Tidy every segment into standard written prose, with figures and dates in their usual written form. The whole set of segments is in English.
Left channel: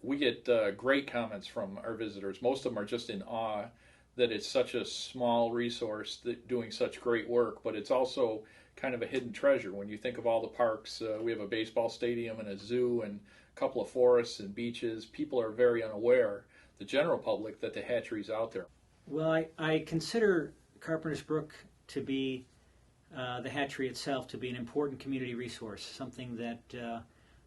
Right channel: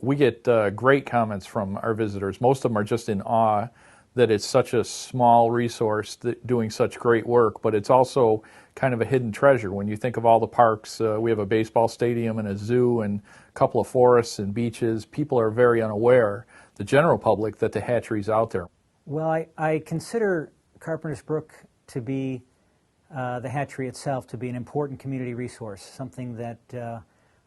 We get great comments from our visitors. Most of them are just in awe that it's such a small resource that doing such great work, but it's also kind of a hidden treasure. When you think of all the parks, we have a baseball stadium and a zoo and a couple of forests and beaches. People are very unaware, the general public, that the hatchery's out there. Well, I consider Carpenter's Brook to be, the hatchery itself, to be an important community resource, something that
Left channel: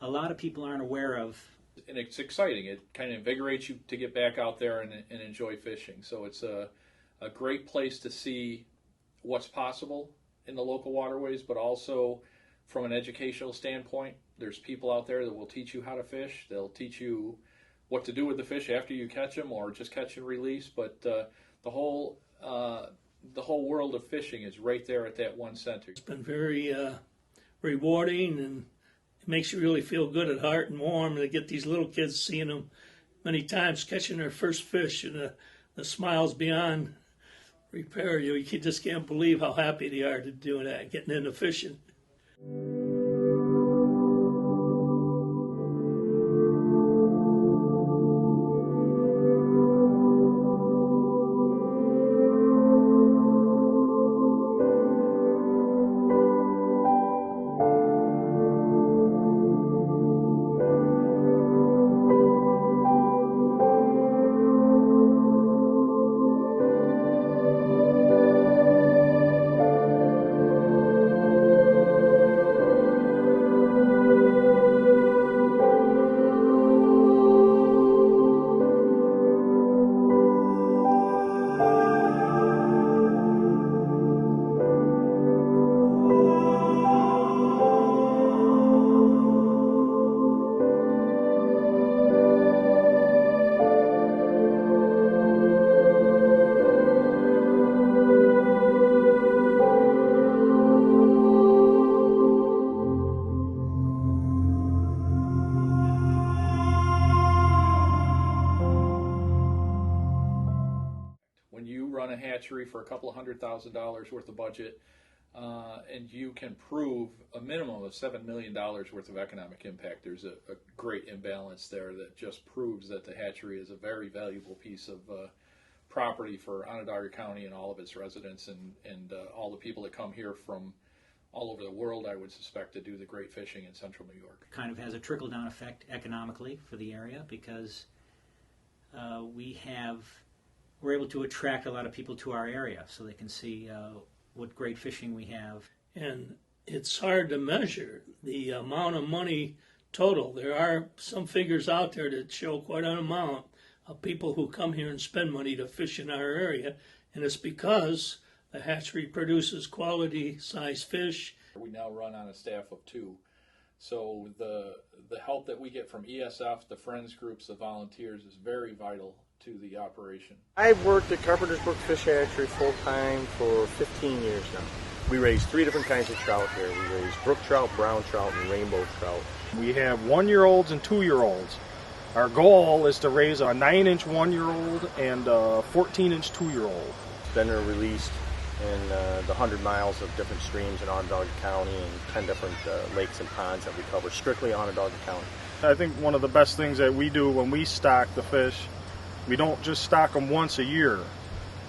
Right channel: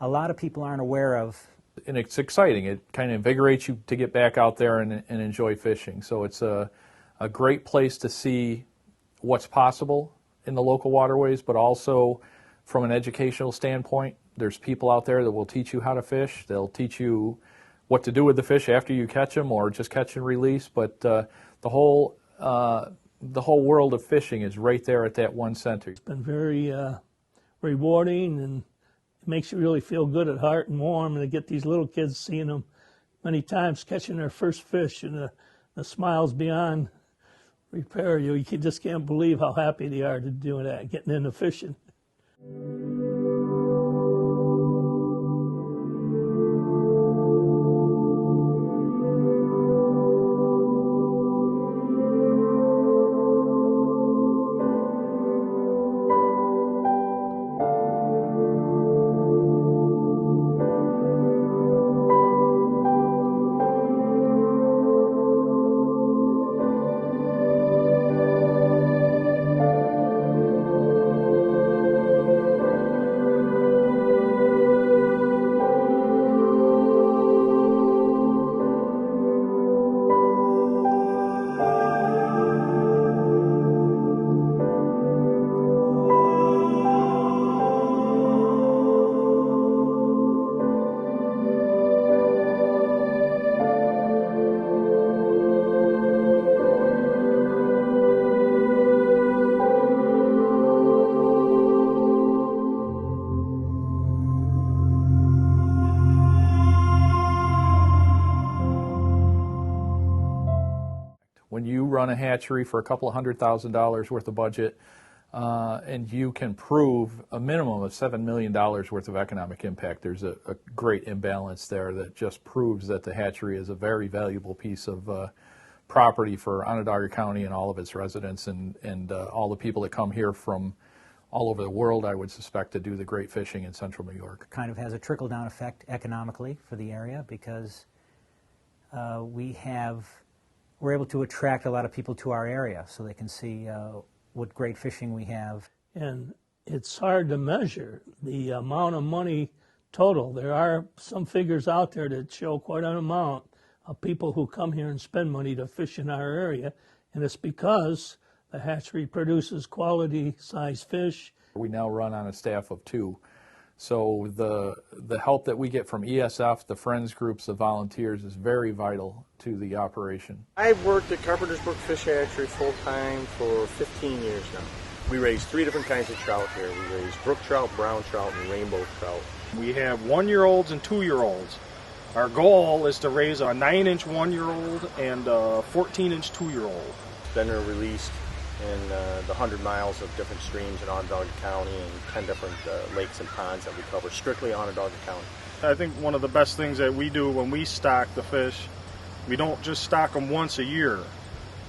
a lot of people aren't aware of. And it's exciting. It kind of invigorates you to get back out there and enjoy fishing. So it's a great place to see what's possible in the local waterways, but also from an educational standpoint, there's people out there that will teach you how to fish. They'll teach you what to do with the fish after you catch them, or just catch and release. But the whole world of fishing is right there at that one center. It's been very rewarding, and it makes you really feel good at heart and warm, and to get these little kids, seeing them many times catching their first fish, and the smiles beyond repair. You just can't believe how happy they are to do that, getting into fishing. When you run a hatchery for a couple of $100,000 worth of budget, and you can prove a minimum of $7 million worth of economic impact, there's a great imbalance there that just proves that the hatchery is a very valuable piece of property for Onondaga County and all of its residents, and all the people that come here from all over the world, I would suspect, to do the great fishing in central New York. Kind of has a trickle-down effect economically for the area, because we're able to attract a lot of people to our area so they can see what great fishing we have. And it's hard to measure the amount of money total. There are some figures out there that show quite an amount of people who come here and spend money to fish in our area, and it's because the hatchery produces quality size fish. We now run on a staff of 2. So the help that we get from ESF, the friends groups, the volunteers, is very vital to the operation. I've worked at Carpenter's Brook Fish Hatchery full-time for 15 years now. We raise 3 different kinds of trout here. We raise brook trout, brown trout, and rainbow trout. We have 1-year-olds and 2-year-olds. Our goal is to raise a 9-inch 1-year-old and a 14-inch 2-year-old. It's been released in the 100 miles of different streams in Onondaga County and 10 different lakes and ponds that we cover strictly Onondaga County. I think one of the best things that we do when we stock the fish, we don't just stock them once a year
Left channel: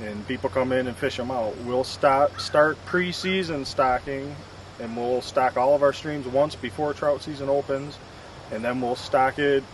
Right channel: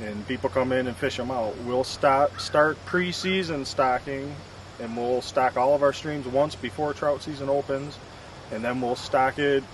and people come in and fish them out. We'll start pre-season stocking, and we'll stock all of our streams once before trout season opens, and then we'll stock it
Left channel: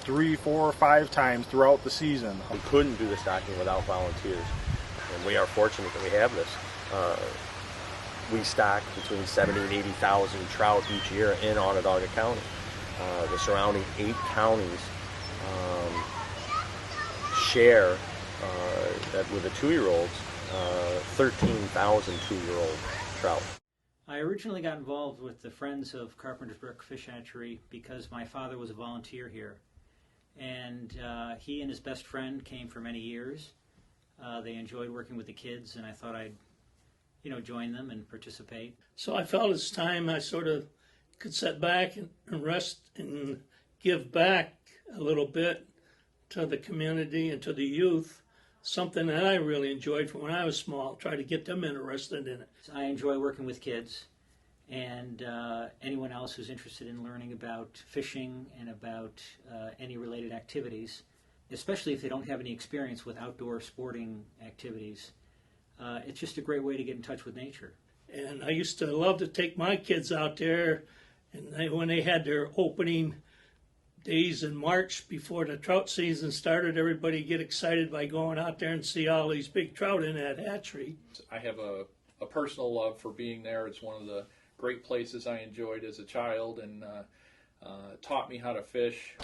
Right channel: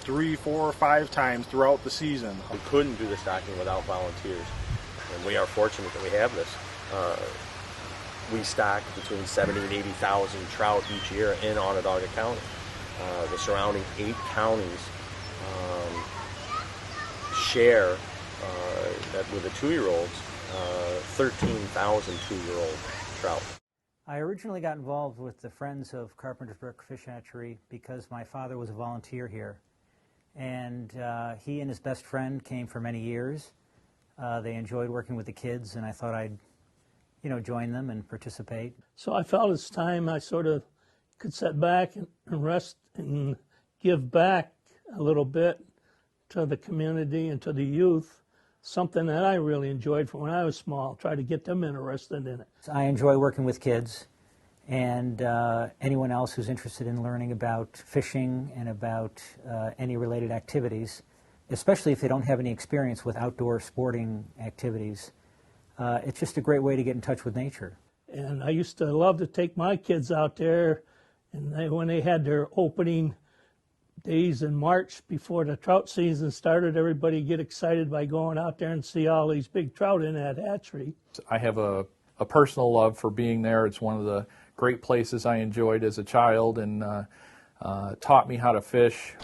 3, 4, 5 times throughout the season. We couldn't do the stocking without volunteers, and we are fortunate that we have this. We stock between 70 and 80,000 trout each year in Onondaga County. The surrounding 8 counties share that with the 2-year-olds, 13,000 2-year-old trout. I originally got involved with the Friends of Carpenter's Brook Fish Hatchery because my father was a volunteer here, and he and his best friend came for many years. They enjoyed working with the kids, and I thought I'd, join them and participate. So I felt it's time I sort of could sit back and rest and give back a little bit to the community and to the youth, something that I really enjoyed from when I was small, try to get them interested in it. I enjoy working with kids, And anyone else who's interested in learning about fishing and about any related activities, especially if they don't have any experience with outdoor sporting activities, it's just a great way to get in touch with nature. And I used to love to take my kids out there, and when they had their opening days in March before the trout season started, everybody get excited by going out there and see all these big trout in that hatchery. I have a personal love for being there. It's one of the great places I enjoyed as a child, and taught me how to fish.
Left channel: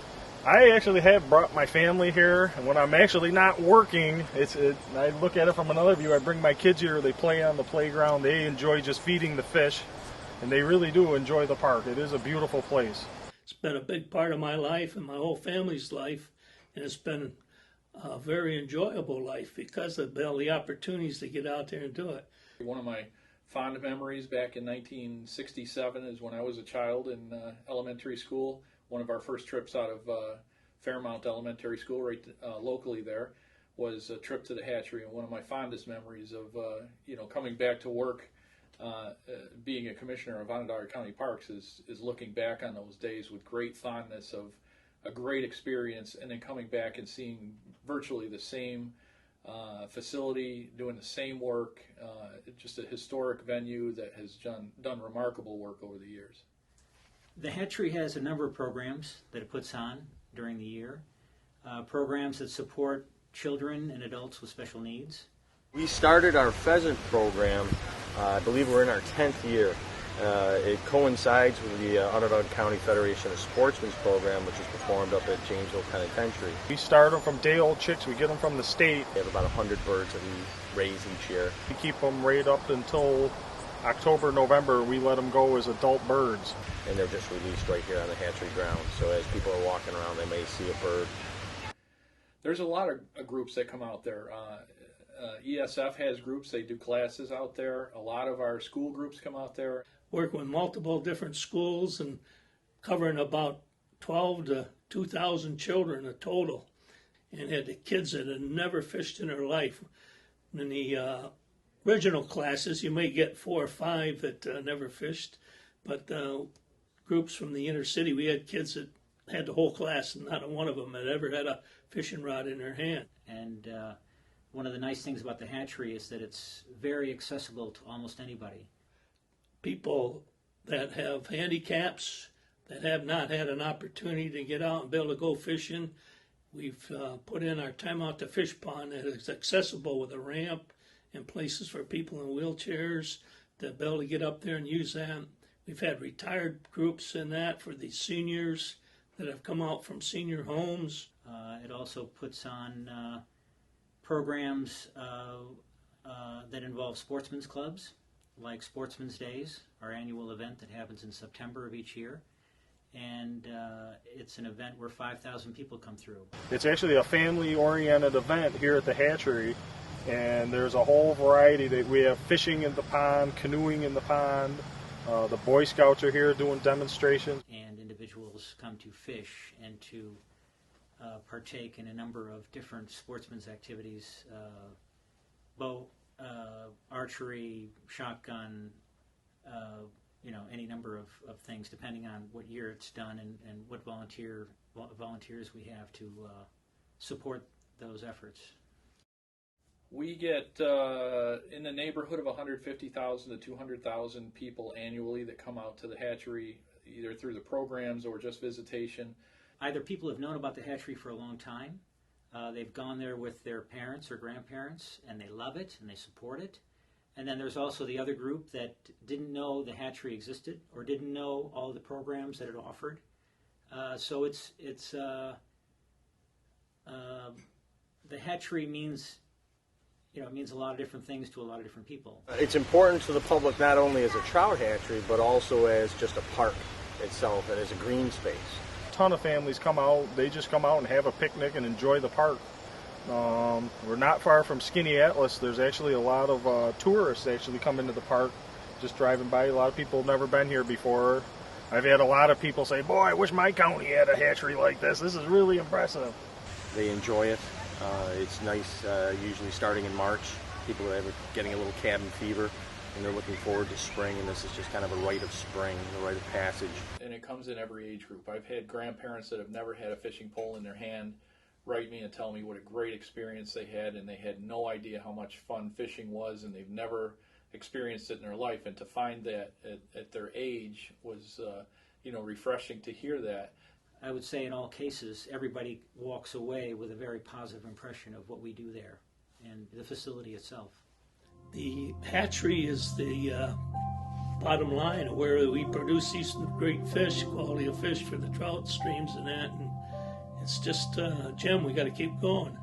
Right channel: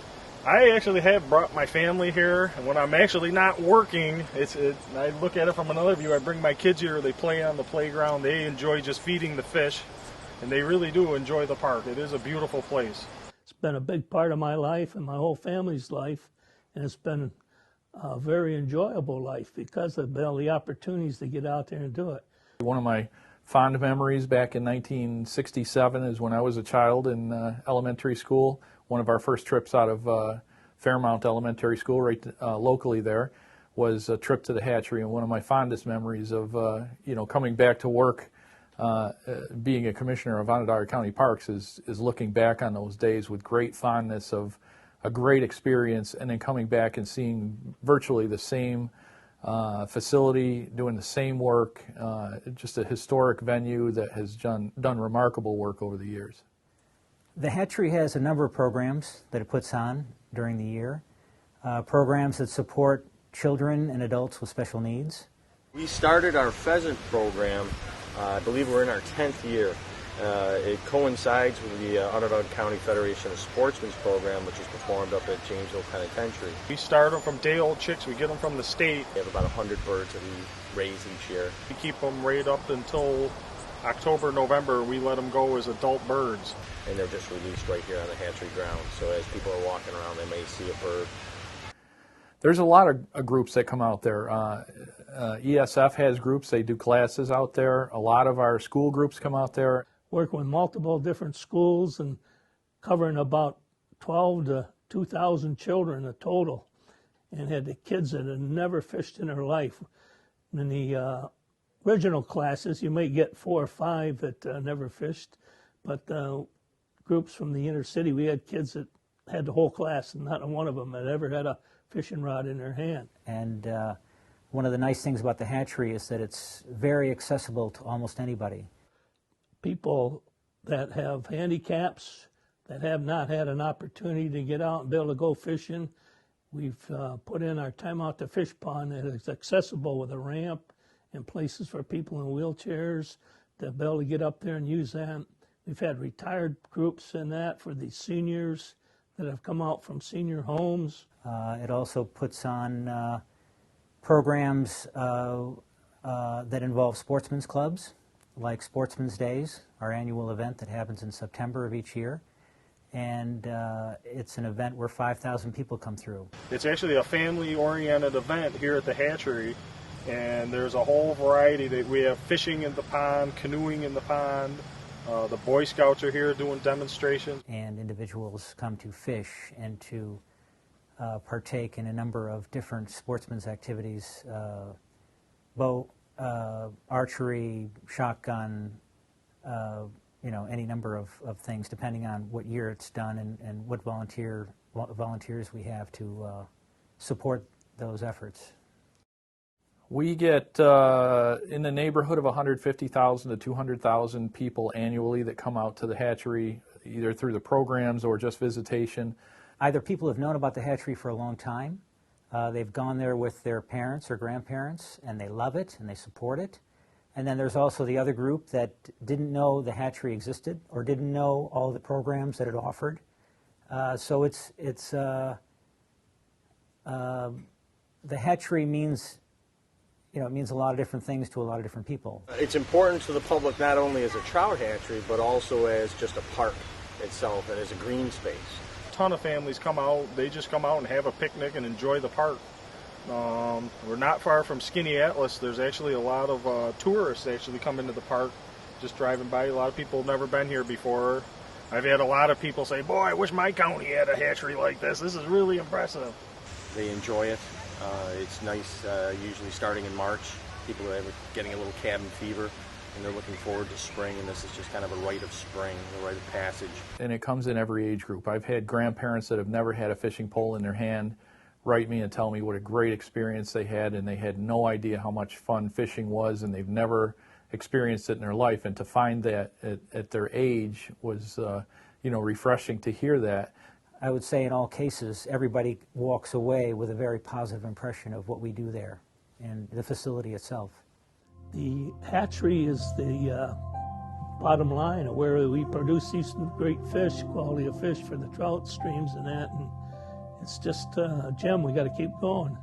I actually have brought my family here, and when I'm actually not working, I look at it from another view. I bring my kids here, they play on the playground, they enjoy just feeding the fish, and they really do enjoy the park. It is a beautiful place. It's been a big part of my life and my whole family's life, and it's been a very enjoyable life because of all the opportunities to get out there and do it. One of my fond memories back in 1967 is when I was a child in elementary school. One of our first trips out of Fairmount Elementary School, right locally there, was a trip to the hatchery. And one of my fondest memories of coming back to work, being a commissioner of Onondaga County Parks, is looking back on those days with great fondness of a great experience, and then coming back and seeing virtually the same facility, doing the same work, just a historic venue that has done remarkable work over the years. The hatchery has a number of programs that it puts on during the year, programs that support children and adults with special needs. We started our pheasant program, I believe we're in our 10th year. It coincides with the Onondaga County Federation of Sportsmen's program, which is performed up at Janesville Penitentiary. We start them from day-old chicks. We get them from the state. We have about 100 birds that we raise each year. We keep them right up until October, November. We let them go as adult birds. And they're just released right here on the hatchery ground. So as people are walking around, they may see a bird. There's a lot of groups that come out there. ESF has groups. They do classes out there. A lot of our school groups come out there. Working with multiple different schools and covering about 12 to 2,000 children in total, and had the kids that had never fished in their life. In the original classes, you may get 4 or 5 that never fished, but groups from the inner city, we had kids that had the whole class, and not one of them had ever had a fishing rod in their hand. And one of the nice things about the hatchery is that it's very accessible to almost anybody. People that have handicaps, that have not had an opportunity to get out and be able to go fishing, we've put in our Time Out to Fish pond that is accessible with a ramp and places for people in wheelchairs to be able to get up there and use that. We've had retired groups in that for the seniors that have come out from senior homes. It also puts on programs that involve sportsmen's clubs, like Sportsmen's Days, our annual event that happens in September of each year. And it's an event where 5,000 people come through. It's actually a family-oriented event here at the hatchery, and there's a whole variety. We have fishing in the pond, canoeing in the pond. The Boy Scouts are here doing demonstrations. And individuals come to fish and to partake in a number of different sportsmen's activities, bow, archery, shotgun, any number of things, depending on what year it's done and what volunteers we have to support those efforts. We get in the neighborhood of 150,000 to 200,000 people annually that come out to the hatchery, either through the programs or just visitation. Either people have known about the hatchery for a long time, they've gone there with their parents or grandparents, and they love it and they support it. And then there's also the other group that didn't know the hatchery existed or didn't know all the programs that it offered. So the hatchery means, it means a lot of different things to a lot of different people. It's important to the public not only as a trout hatchery, but also as just a park itself and as a green space. A ton of families come out. They just come out and have a picnic and enjoy the park. We're not far from Skinny Atlas. There's actually a lot of tourists actually come into the park just driving by. A lot of people have never been here before. I've had a lot of people say, boy, I wish my county had a hatchery like this. This is really impressive. They enjoy it. It's nice, usually starting in March. People are getting a little cabin fever. and they're looking forward to spring, and this is just kind of a rite of spring, a rite of passage. And it comes in every age group. I've had grandparents that have never had a fishing pole in their hand write me and tell me what a great experience they had, and they had no idea how much fun fishing was, and they've never experienced it in their life. And to find that at their age was, refreshing to hear that. I would say in all cases, everybody walks away with a very positive impression of what we do there and the facility itself. The hatchery is the bottom line of where we produce these great fish, quality of fish for the trout streams and that. And it's just a gem. We got to keep going.